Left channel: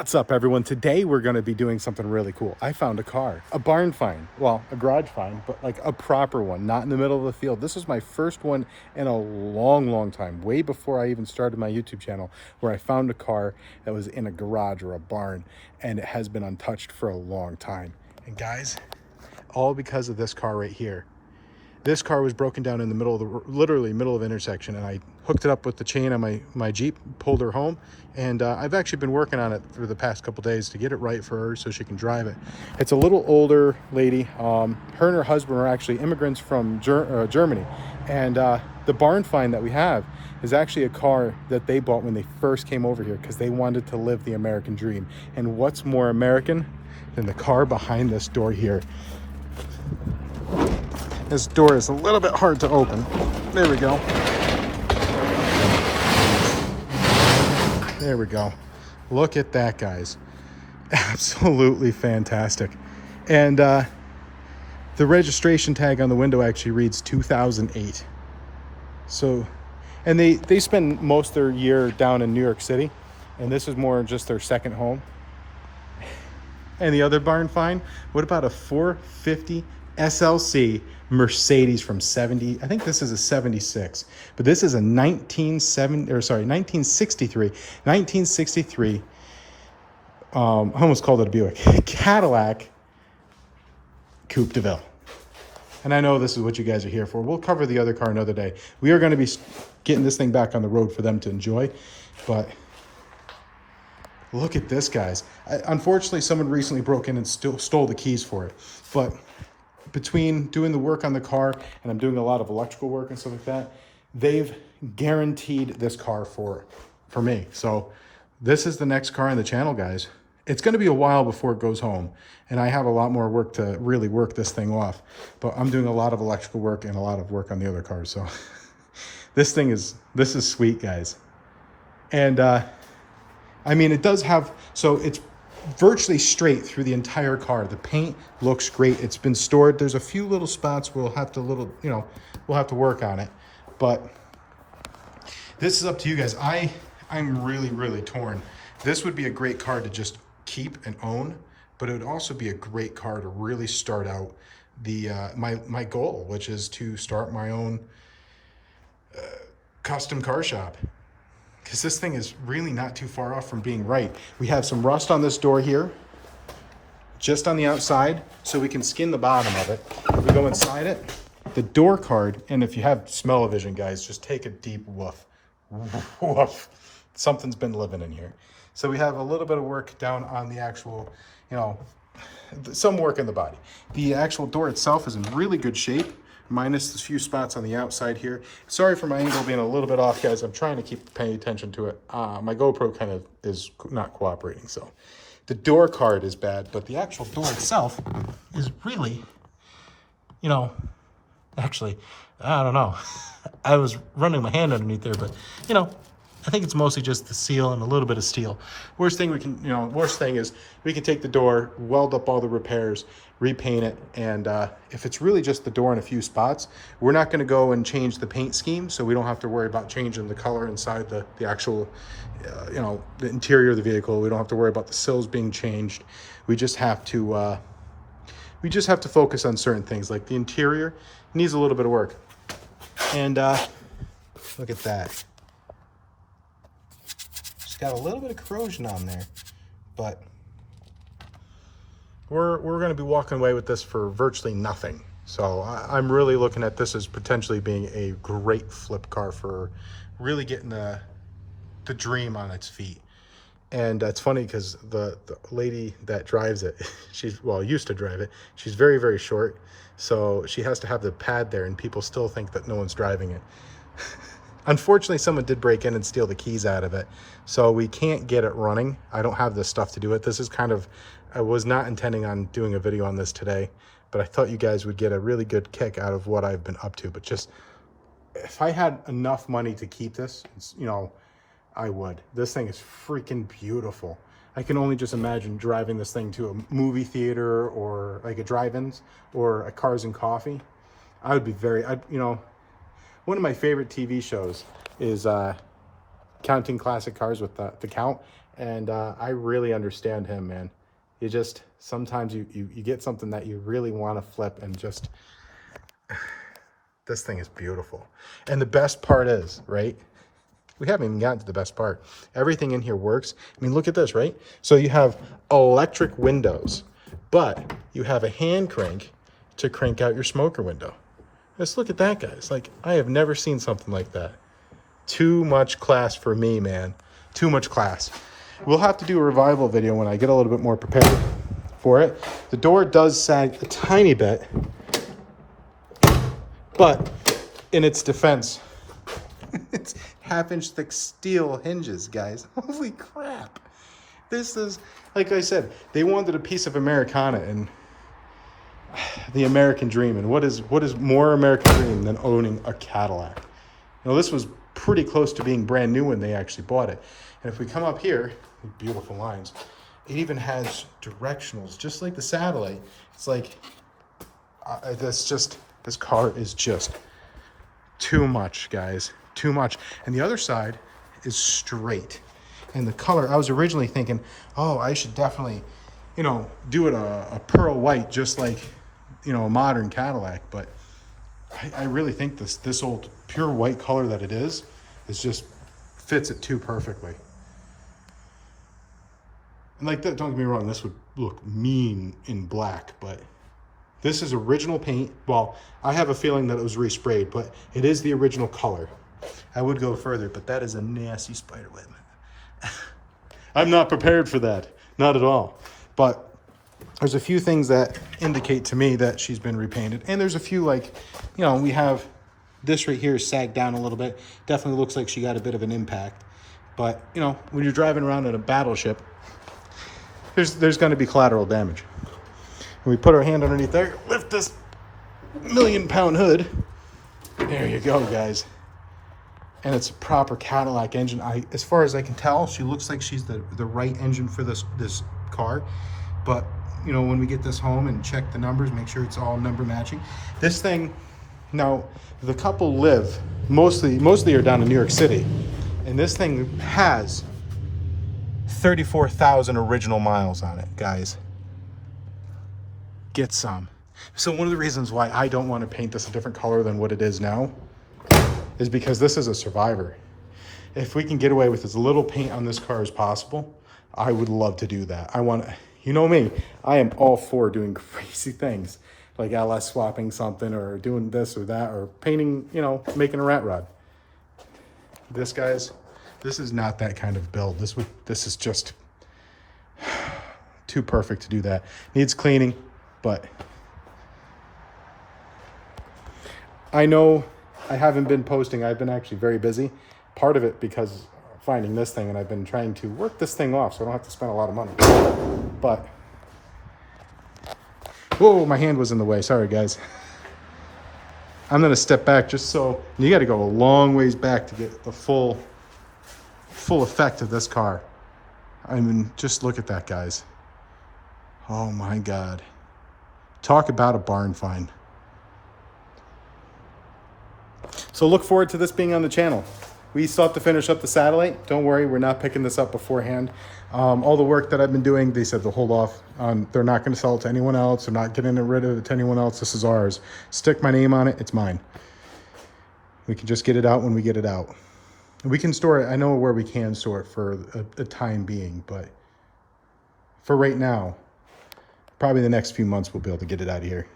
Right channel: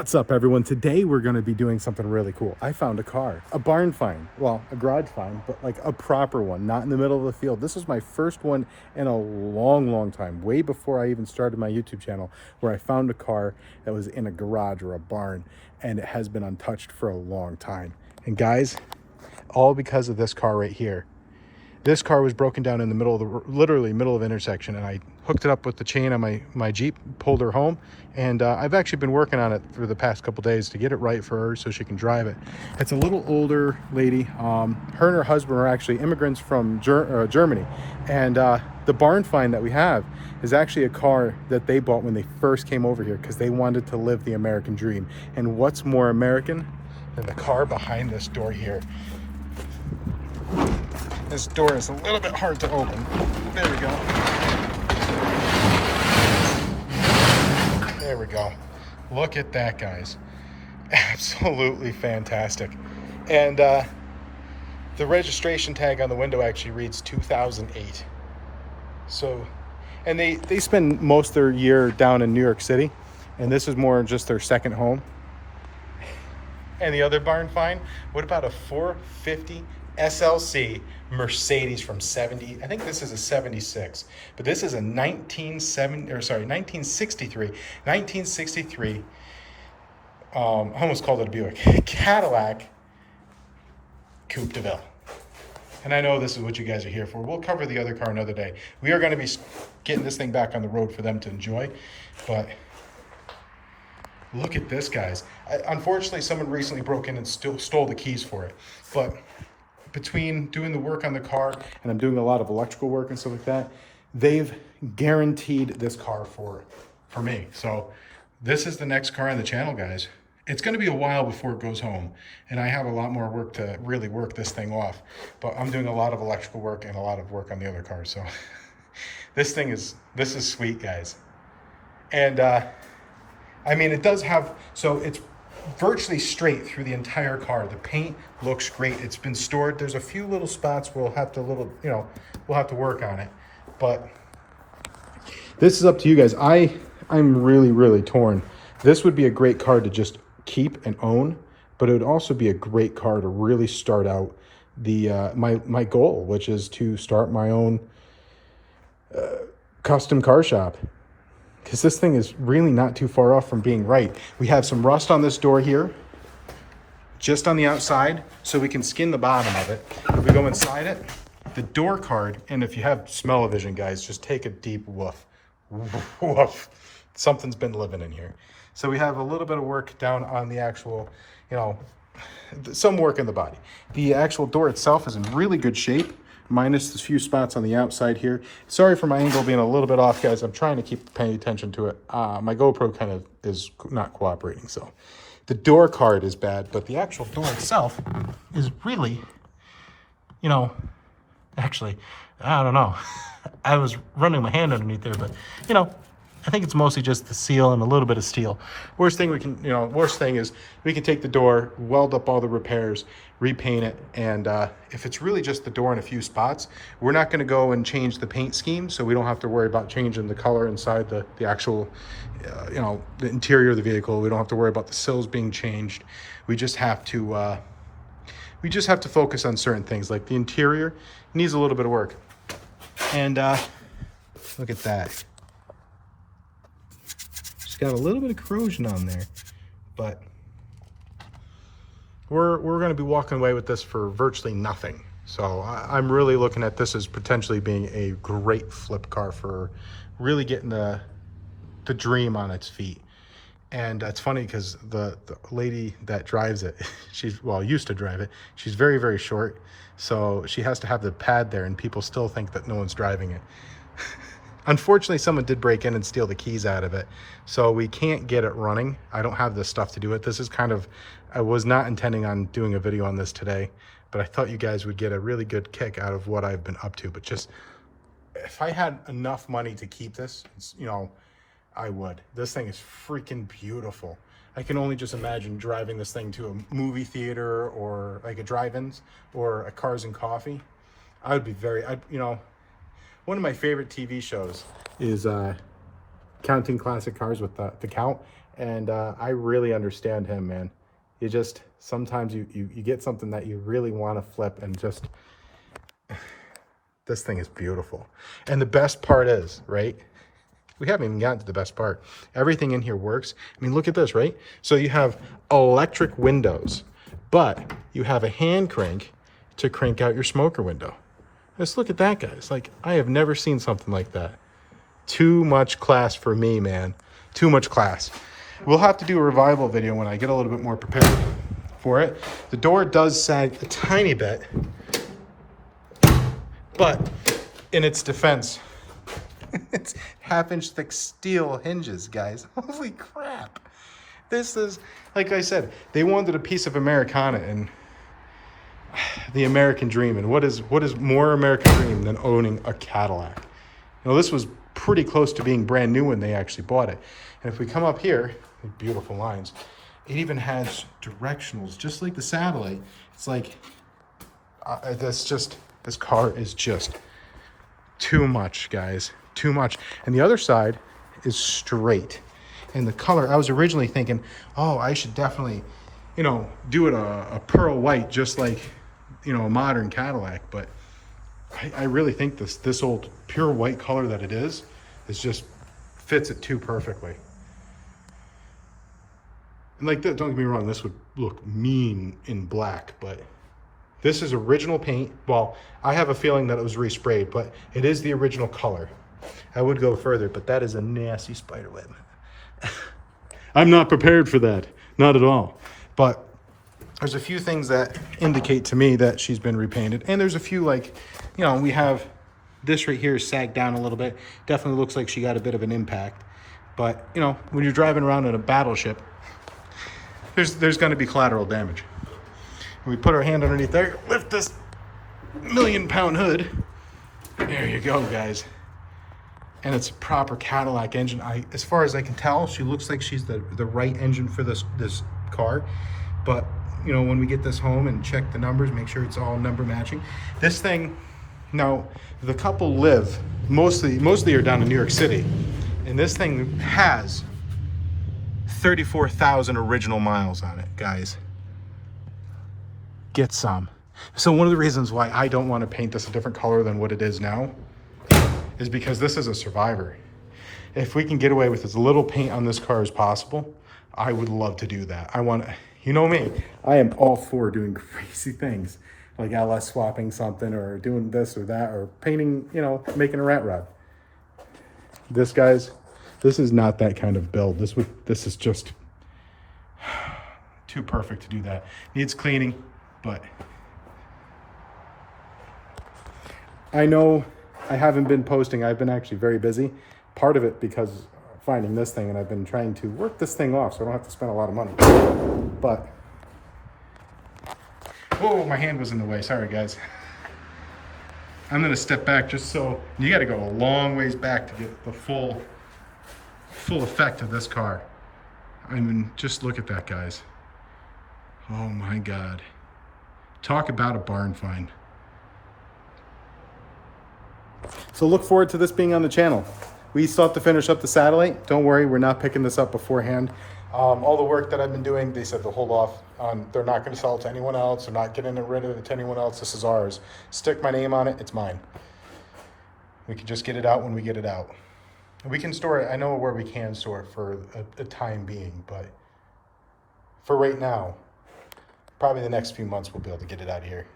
What's up, everyone? Today we're going to be doing something really cool. I found a car, a barn find, well, a garage find, but like a proper one, not in the middle of the field. This is my first one in a long time, way before I even started my YouTube channel, where I found a car that was in a garage or a barn, and it has been untouched for a long time. And guys, all because of this car right here. This car was broken down in the middle of the, literally middle of the intersection, and I hooked it up with the chain on my Jeep, pulled her home, and I've actually been working on it for the past couple days to get it right for her so she can drive it. It's a little older lady. Her and her husband are actually immigrants from Germany, and the barn find that we have is actually a car that they bought when they first came over here because they wanted to live the American dream. And what's more American than the car behind this door here? This door is a little bit hard to open. There we go. There we go. Look at that, guys. Absolutely fantastic. And the registration tag on the window actually reads 2008. So, and they spend most of their year down in New York City, and this is more just their second home. And the other barn find, what about a 450 SLC Mercedes from 70, I think this is a 76, but this is a 1963 I almost called it a Buick, Cadillac Coupe de Ville. And I know this is what you guys are here for. We'll cover the other car another day. We are going to be getting this thing back on the road for them to enjoy, but look at this, guys. Unfortunately, someone recently broke in and stole the keys for it, but between doing the work on the car and I'm doing a lot of electrical work and stuff like that, they've guaranteed this car for me. So this is the next car on the channel, guys. It's going to be a while before it goes home, and I have a lot more work to really work this thing off, but I'm doing a lot of electrical work and a lot of work on the other cars. So this is sweet, guys. And I mean, it does have, so it's virtually straight through the entire car. The paint looks great. It's been stored. There's a few little spots we'll have to we'll have to work on it, but this is up to you guys. I'm really torn. This would be a great car to just keep and own, but it would also be a great car to really start out the my goal, which is to start my own custom car shop. Because this thing is really not too far off from being right. We have some rust on this door here, just on the outside, so we can skin the bottom of it. If we go inside it, the door card, and if you have smell-o-vision, guys, just take a deep woof. Woof. Something's been living in here. So we have a little bit of work down on the actual, some work in the body. The actual door itself is in really good shape, minus a few spots on the outside here. Sorry for my angle being a little bit off, guys. I'm trying to keep paying attention to it. My GoPro kind of is not cooperating, so the door card is bad, but the actual door itself is really, actually, I don't know. I was running my hand underneath there, but I think it's mostly just the seal and a little bit of steel. Worst thing is we can take the door, weld up all the repairs, repaint it, and if it's really just the door in a few spots, we're not going to go and change the paint scheme, so we don't have to worry about changing the color inside the actual the interior of the vehicle. We don't have to worry about the sills being changed. We just have to focus on certain things, like the interior needs a little bit of work. And look at that, it's got a little bit of corrosion on there, but we're going to be walking away with this for virtually nothing. So I'm really looking at this as potentially being a great flip car for really getting the dream on its feet. And it's funny because the lady that drives it, used to drive it, she's very short. So she has to have the pad there, and people still think that no one's driving it. Unfortunately, someone did break in and steal the keys out of it, so we can't get it running. I don't have the stuff to do it. This is I was not intending on doing a video on this today, but I thought you guys would get a really good kick out of what I've been up to. But just, if I had enough money to keep this, I would. This thing is freaking beautiful. I can only just imagine driving this thing to a movie theater or like a drive-ins or a Cars and Coffee. I would be one of my favorite TV shows is Counting Classic Cars with the Count. And I really understand him, man. You just, sometimes you get something that you really want to flip and just, this thing is beautiful. And the best part is, right? We haven't even gotten to the best part. Everything in here works. I mean, look at this, right? So you have electric windows, but you have a hand crank to crank out your smoker window. Just look at that, guys. Like, I have never seen something like that. Too much class for me, man. Too much class. We'll have to do a revival video when I get a little bit more prepared for it. The door does sag a tiny bit, but in its defense, it's half-inch thick steel hinges, guys. Holy crap. This is, like I said, they wanted a piece of Americana and the American dream. And what is more American dream than owning a Cadillac? You know, this was pretty close to being brand new when they actually bought it. And if we come up here, beautiful lines, it even has directionals, just like the Satellite. It's like, this car is just too much, guys. Too much. And the other side is straight. And the color, I was originally thinking, oh, I should definitely, you know, do it a pearl white, just like, you know, a modern Cadillac. But I really think this old pure white color that it is just fits it too perfectly. And like that, don't get me wrong, this would look mean in black, but this is original paint. Well, I have a feeling that it was resprayed, but it is the original color. I would go further, but that is a nasty spider web. I'm not prepared for that, not at all. But there's a few things that indicate to me that she's been repainted. And there's a few, like, you know, we have this right here sagged down a little bit. Definitely looks like she got a bit of an impact. But, you know, when you're driving around in a battleship, there's going to be collateral damage. We put our hand underneath there, lift this million-pound hood. There you go, guys. And it's a proper Cadillac engine. As far as I can tell, she looks like she's the right engine for this car. But, you know, when we get this home and check the numbers, make sure it's all number matching. This thing, now, the couple live, mostly are down in New York City. And this thing has 34,000 original miles on it, guys. Get some. So one of the reasons why I don't want to paint this a different color than what it is now is because this is a survivor. If we can get away with as little paint on this car as possible, I would love to do that. I want, you know me, I am all for doing crazy things like LS swapping something or doing this or that or painting, you know, making a rat rod. This, guys, this is not that kind of build. This is just too perfect to do that. Needs cleaning, but I know I haven't been posting. I've been actually very busy. Part of it because finding this thing, and I've been trying to work this thing off so I don't have to spend a lot of money. But, whoa, my hand was in the way. Sorry, guys. I'm going to step back just so, you got to go a long ways back to get the full effect of this car. I mean, just look at that, guys. Oh my God. Talk about a barn find. So look forward to this being on the channel. We still have to finish up the Satellite. Don't worry, we're not picking this up beforehand. All the work that I've been doing, they said to hold off. They're not going to sell it to anyone else. They're not getting rid of it to anyone else. This is ours. Stick my name on it. It's mine. We can just get it out when we get it out. We can store it. I know where we can store it for a time being, but for right now, probably the next few months we'll be able to get it out of here.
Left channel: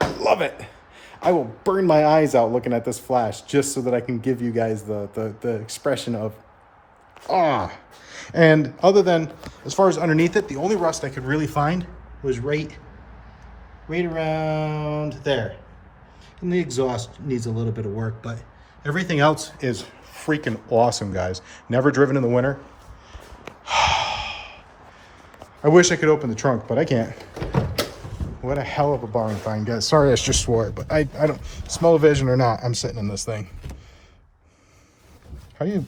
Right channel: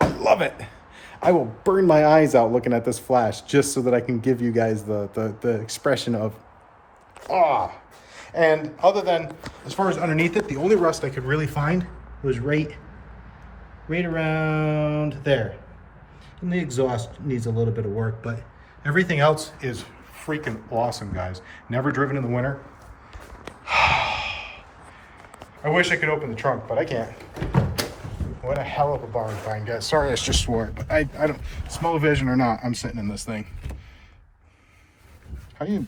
I love it. I will burn my eyes out looking at this flash just so that I can give you guys the expression of ah. And other than, as far as underneath it, the only rust I could really find was right around there. And the exhaust needs a little bit of work, but everything else is freaking awesome, guys. Never driven in the winter. I wish I could open the trunk, but I can't. What a hell of a barn find, guys. Sorry I just swore it, but I don't, smell vision or not, I'm sitting in this thing. How do you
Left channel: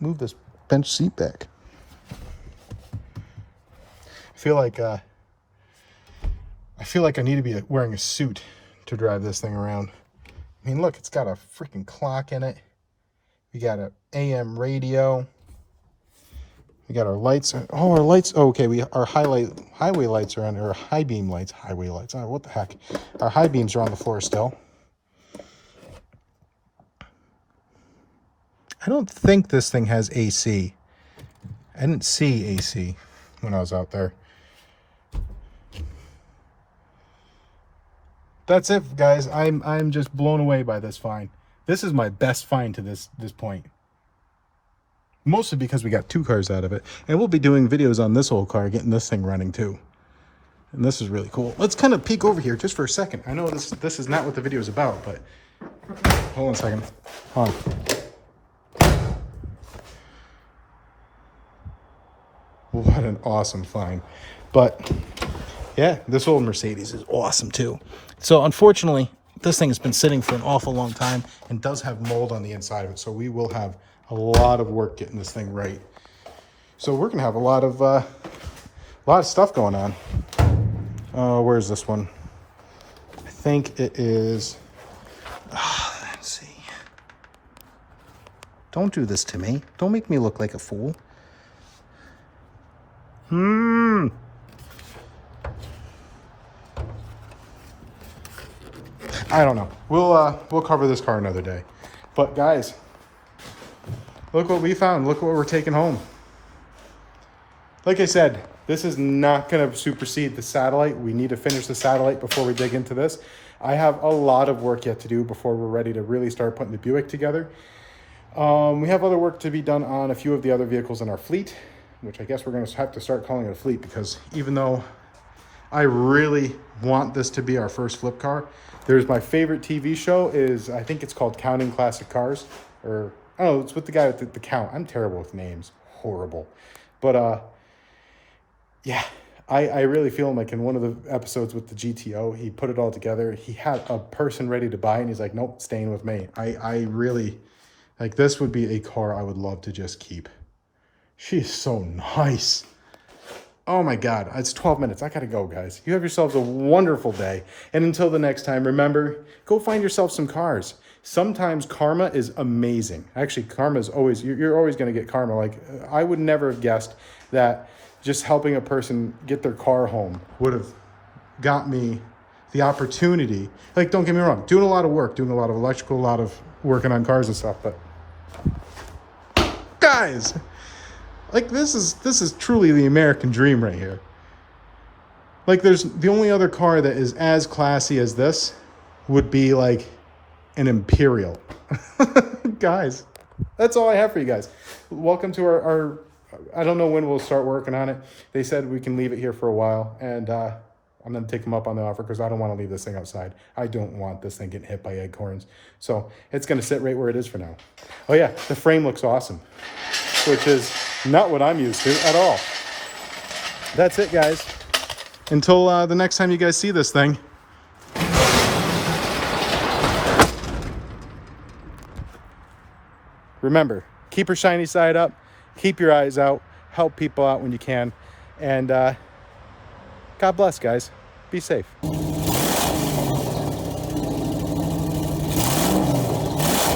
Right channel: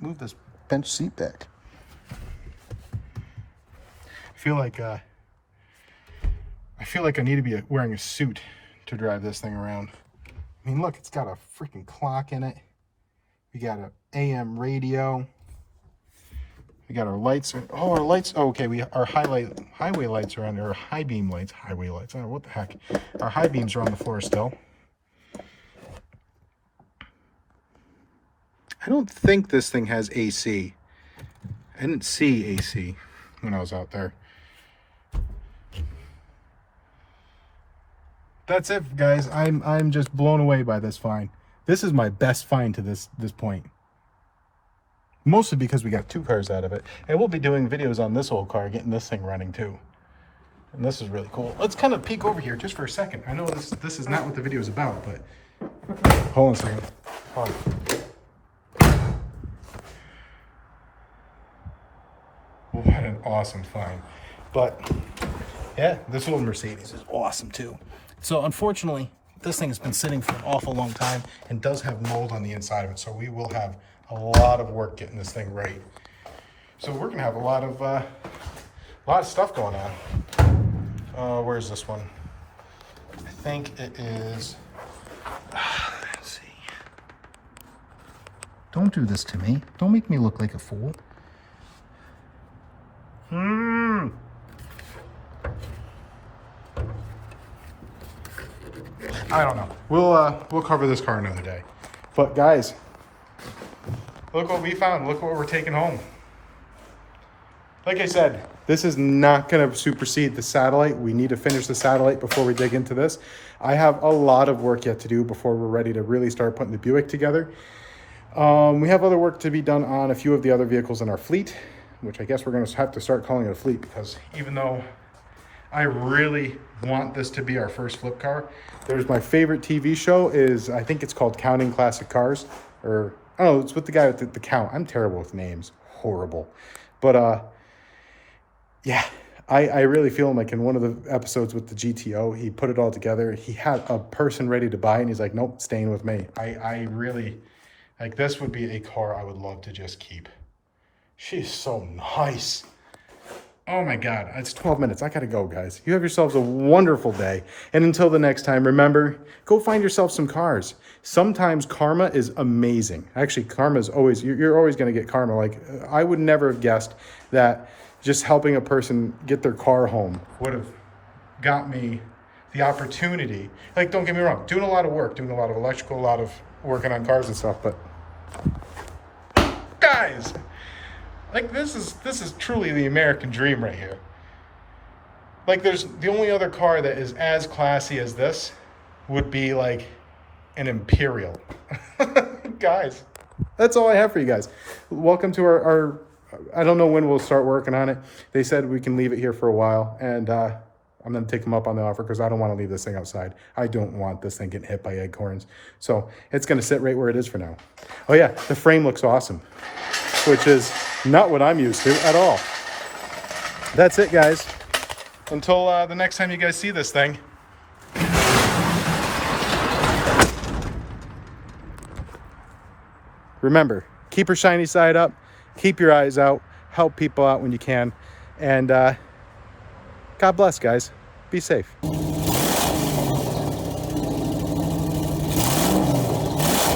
move this bench seat back? I feel like I need to be wearing a suit to drive this thing around. I mean, look, it's got a freaking clock in it. We got an AM radio. We got our lights. Oh, our lights. Oh, okay, our highway lights are on there. Our high beam lights. Highway lights. Oh, what the heck? Our high beams are on the floor still. I don't think this thing has AC. I didn't see AC when I was out there. That's it, guys. I'm just blown away by this find. This is my best find to this point. Mostly because we got 2 cars out of it. And we'll be doing videos on this old car, getting this thing running too. And this is really cool. Let's kind of peek over here just for a second. I know this is not what the video is about, but hold on a second. Hold on. What an awesome find. But yeah, this old Mercedes is awesome too. So unfortunately, this thing has been sitting for an awful long time and does have mold on the inside of it. So we will have a lot of work getting this thing right. So we're gonna have a lot of stuff going on. Where's this one? I think it is. Let's see. Don't do this to me. Don't make me look like a fool. I don't know. We'll cover this car another day. But guys, look what we found. Look what we're taking home. Like I said, this is not going to supersede the satellite. We need to finish the satellite before we dig into this. I have a lot of work yet to do before we're ready to really start putting the Buick together. We have other work to be done on a few of the other vehicles in our fleet, which I guess we're going to have to start calling it a fleet, because even though I really want this to be our first flip car, there's my favorite TV show is, I think it's called Counting Classic Cars, or oh, it's with the guy with the count. I'm terrible with names, horrible. But yeah, I really feel like in one of the episodes with the GTO, he put it all together. He had a person ready to buy it, and he's like, nope, staying with me. I really, like, this would be a car I would love to just keep. She's so nice. Oh my God, it's 12 minutes. I gotta go, guys. You have yourselves a wonderful day. And until the next time, remember, go find yourself some cars. Sometimes karma is amazing. Actually, karma is always, you're always gonna get karma. Like, I would never have guessed that just helping a person get their car home would have got me the opportunity. Like, don't get me wrong, doing a lot of work, doing a lot of electrical, a lot of working on cars and stuff, but guys, like, this is truly the American dream right here. Like, there's the only other car that is as classy as this would be like an Imperial. Guys, that's all I have for you guys. Welcome to our I don't know when we'll start working on it. They said we can leave it here for a while, and I'm going to take them up on the offer because I don't want to leave this thing outside. I don't want this thing getting hit by acorns. So it's going to sit right where it is for now. Oh yeah, the frame looks awesome, which is not what I'm used to at all. That's it, guys. Until the next time you guys see this thing. Remember, keep your shiny side up, keep your eyes out, help people out when you can, and God bless, guys. Be safe.